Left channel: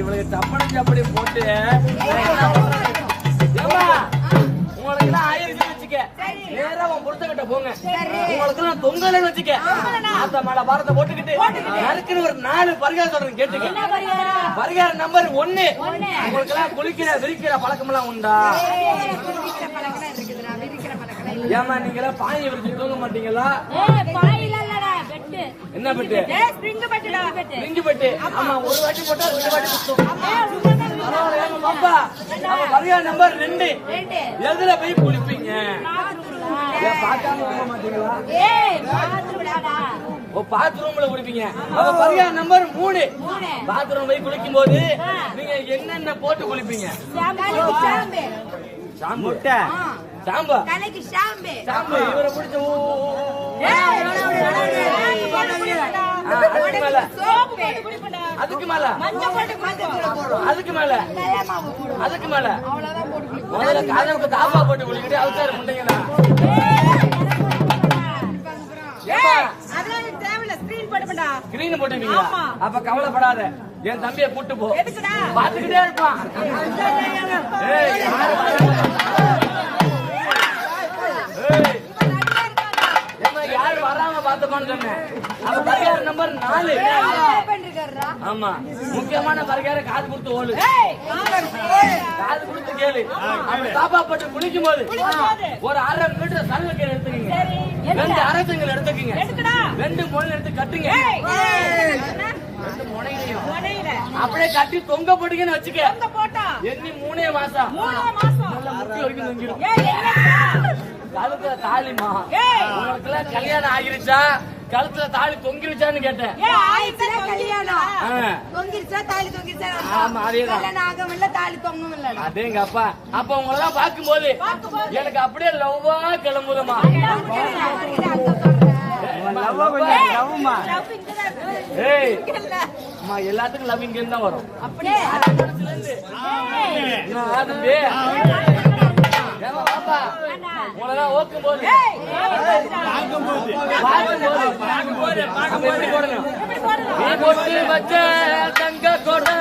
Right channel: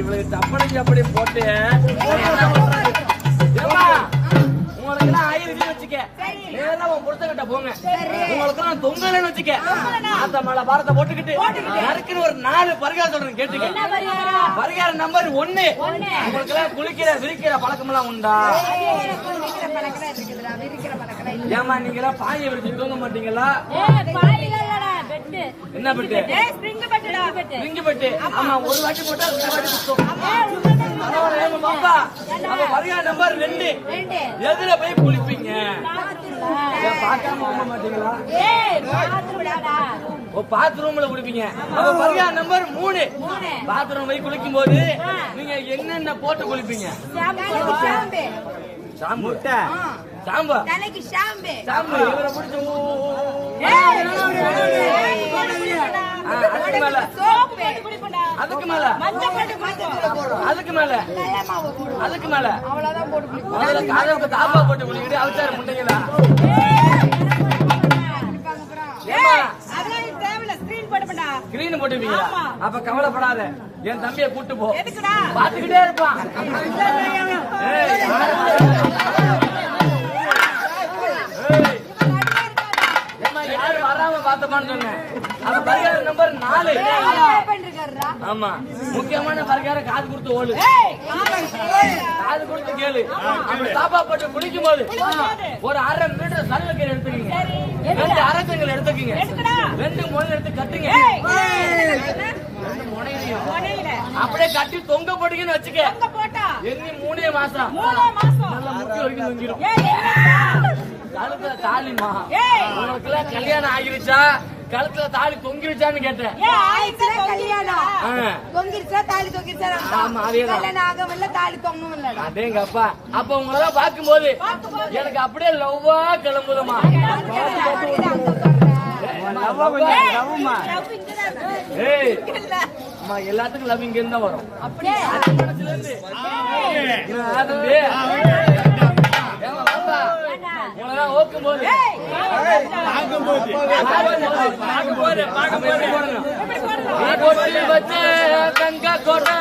இவளுக்கு சப்பனஞ்சு அப்படி போட்டு உங்களுக்கு எல்லாம் ஆயிரம் வச்சுக்க நேரா பொருத்தக்கிட்ட போங்க. உங்களுக்கு எல்லாம் தொங்கலன்னு வச்சுக்க அந்த மலை பாரத்தை போட்டுக்கிட்டு நறுக்குன்னு ஒரு 4 பரிகாரம் சொல்றேன் கேட்டுக்க. பரிகாரம் நம்பர் 1, உங்களுக்கு எல்லாம் குளிக்கிற விரிக்கிற பழக்கம் எல்லாம் உண்டா? ஏமா நீங்க எல்லாம் பாயை விரிச்சு தூங்க மாட்டீங்களா? என்ன பெட்டு? Spring bed. ஆமா, ஒரு வாட்டி போட்டா 2 வாட்டி பாப்பா. பரிகாரம் நம்பர் 2, எதுல போய் குளிப்பீங்க? பாக்காம வாங்க மாட்டீங்களா? பாத்ரூம்ல குளிப்பீங்க. பரிகாரம் நம்பர் 3, பாத்ரூம் போய் குளிக்கும் போது நீங்க என்னென்ன போட்டு குளிப்பீங்க? ஷாம்பு. ஷாம்பு இவரை பிடிச்ச அதுக்கு மேல முதல்ல காதலுக்கு தாப்பா போட்டு குளிக்கிட்டு அவசாரு முட்டைங்களா? ஸ்கிரீன் போட்டுப்பீங்க. அப்ப கவலைப்படாத, என் தம்பியை கூட்டு போ, பாத்துக்கிட்டே இருப்பான். யாரு வராம பாத்துப்பான்னு சொன்னேன். அப்ப பரிகாரம் நம்பர் 4. ஆமா, முக்கியமான பரிகாரம் காது கொடுத்து ஓடு. காது கொடுத்து கேளு. அப்ப தாப்பா போட்டு குளிக்கும் போது ஒரு 1/2 மீட்டர் சருவக்கீரை எடுத்துக்கீங்க, 2 அரசங்கள் எடுத்துக்கீங்க, 2 முனை எடுத்து கட்டுங்க. 2 முனையிலையும் அப்படியே கட்டி தொங்க போட்டீங்கன்னு வச்சுக்க. எண்ணி 3 மாசம் நல்ல முக்கிய வரைக்கும் தொங்கிடும். கழுத்துல தாலிமா உனக்குள்ள கல்யாணம் ஆகிருச்சா? கழுத்துல தாலி தொங்கிருச்சான்னு கேட்டேன். அதேங்க அப்பா. அப்ப உங்களெல்லாம் பார்க்கும் போது எனக்கு அப்படியே லவ்வா கிளம்புதுமா. எல்லாத்துக்கும் லவ் இங்க என்ன வரும்? தங்க கோட்டை